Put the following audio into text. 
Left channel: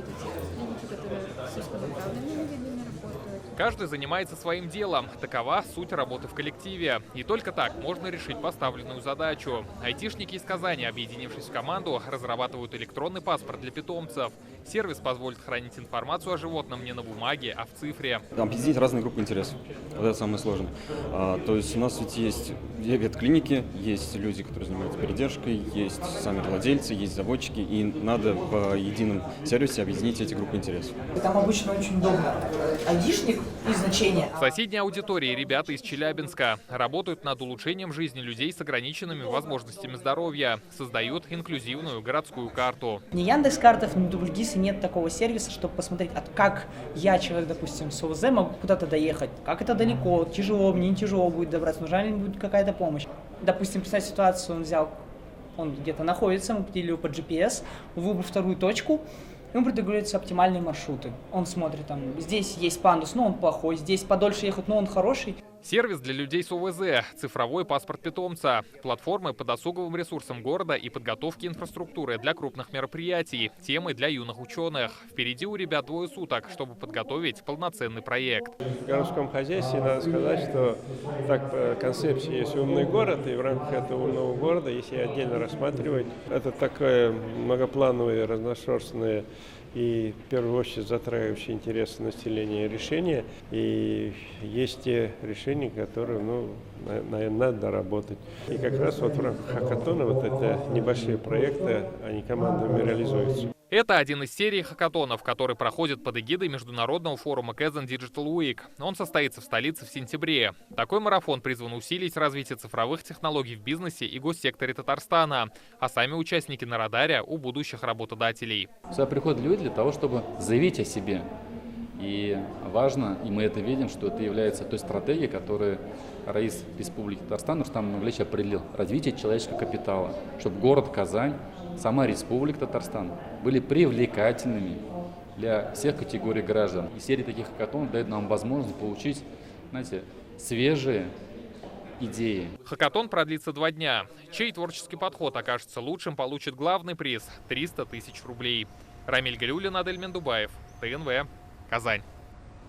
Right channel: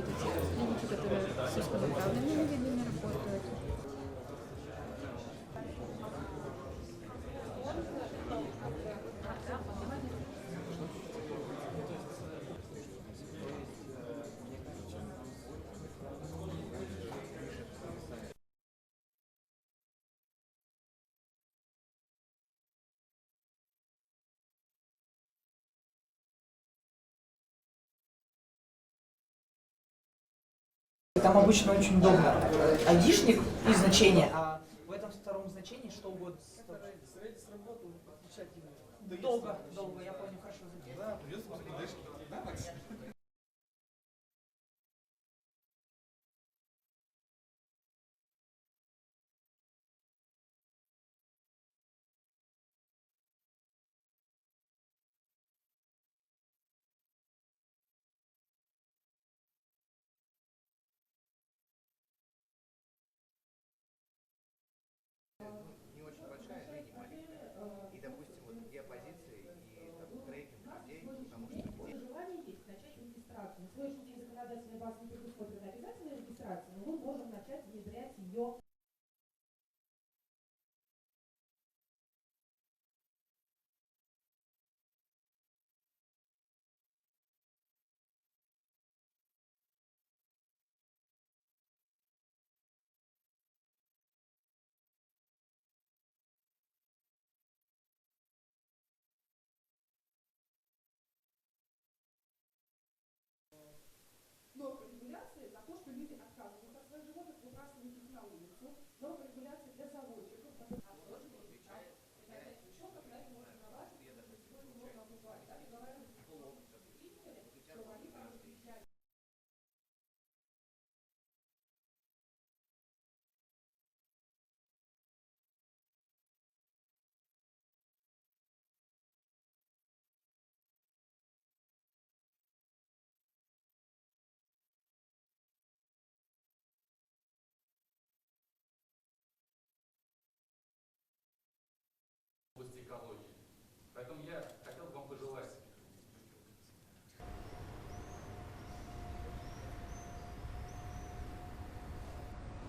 будут клиники, которые с узконаправленными видами работают. Каждый занимается своим делом. Такова суть работы в коллективе. И только так можно решить поставленную задачу. Айтишники из Казани, объединившись в команду, разрабатывают электронный паспорт для питомцев. Сервис позволит хранить информацию о животном не на бумаге, а в цифре. Объединить разные группы интересов. Вот это самое сложное. То есть у нас ведь есть ветклиники, есть люди, которые занимаются передержкой, есть сами владельцы, есть заводчики, и надо в едином сервисе объединить эти группы интересов. Там обычно очень удобно. Айдишник и значение. В соседней аудитории ребята из Челябинска работают над улучшением жизни людей с ограниченными возможностями здоровья, создают инклюзивную городскую карту. Ни Яндекс.Картов, ни Дубльгиса нет такого сервиса, чтобы посмотреть, как я, человек, допустим, с ОВЗ, могу куда-то доехать, как это далеко, тяжело, мне не тяжело будет добраться, нужна ли будет какая-то помощь. Допустим, представь ситуацию, он где-то находится, мы определили его по GPS, выбрал вторую точку, ему предлагаются оптимальные маршруты. Он смотрит, там, здесь есть пандус, но он плохой, здесь подольше ехать, но он хороший. Сервис для людей с ОВЗ, цифровой паспорт питомца, платформы по досуговым ресурсам города и подготовки инфраструктуры для крупных мероприятий, темы для юных ученых. Впереди у ребят 2 суток, чтобы подготовить полноценный проект. В городском хозяйстве надо сказать, что так концепция есть умный город, и в рамках этого умного города, если отдельно рассматривать, это такое многоплановое, разношерстное и в первую очередь затрагивающие интересы населения решения. И есть те решения, которые, наверное, надо доработать. И как раз вот в рамках хакатона вот эти небольшие проекты, они командами реализуются. Это один из серий хакатонов, который проходит под эгидой международного форума Kazan Digital Week. Он состоится в столице в сентябре. Такой марафон призван усилить развитие цифровых технологий в бизнесе и госсекторе Татарстана, а сами участники на радаре у будущих работодателей. Сюда приходят люди для того, чтобы заявить о себе. И важно, и мы это видим, что это является той стратегией, которую Раис Республики Татарстан Рустам Нурлевич определил. Развитие человеческого капитала, чтобы город Казань, сама Республика Татарстан были привлекательными для всех категорий граждан. И серия таких хакатонов дает нам возможность получить, свежие идеи. Хакатон продлится 2 дня. Чей творческий подход окажется лучшим, получит главный приз – 300 000 рублей. Рамиль Галиуллин, Адель Мендубаев, ТНВ, Казань.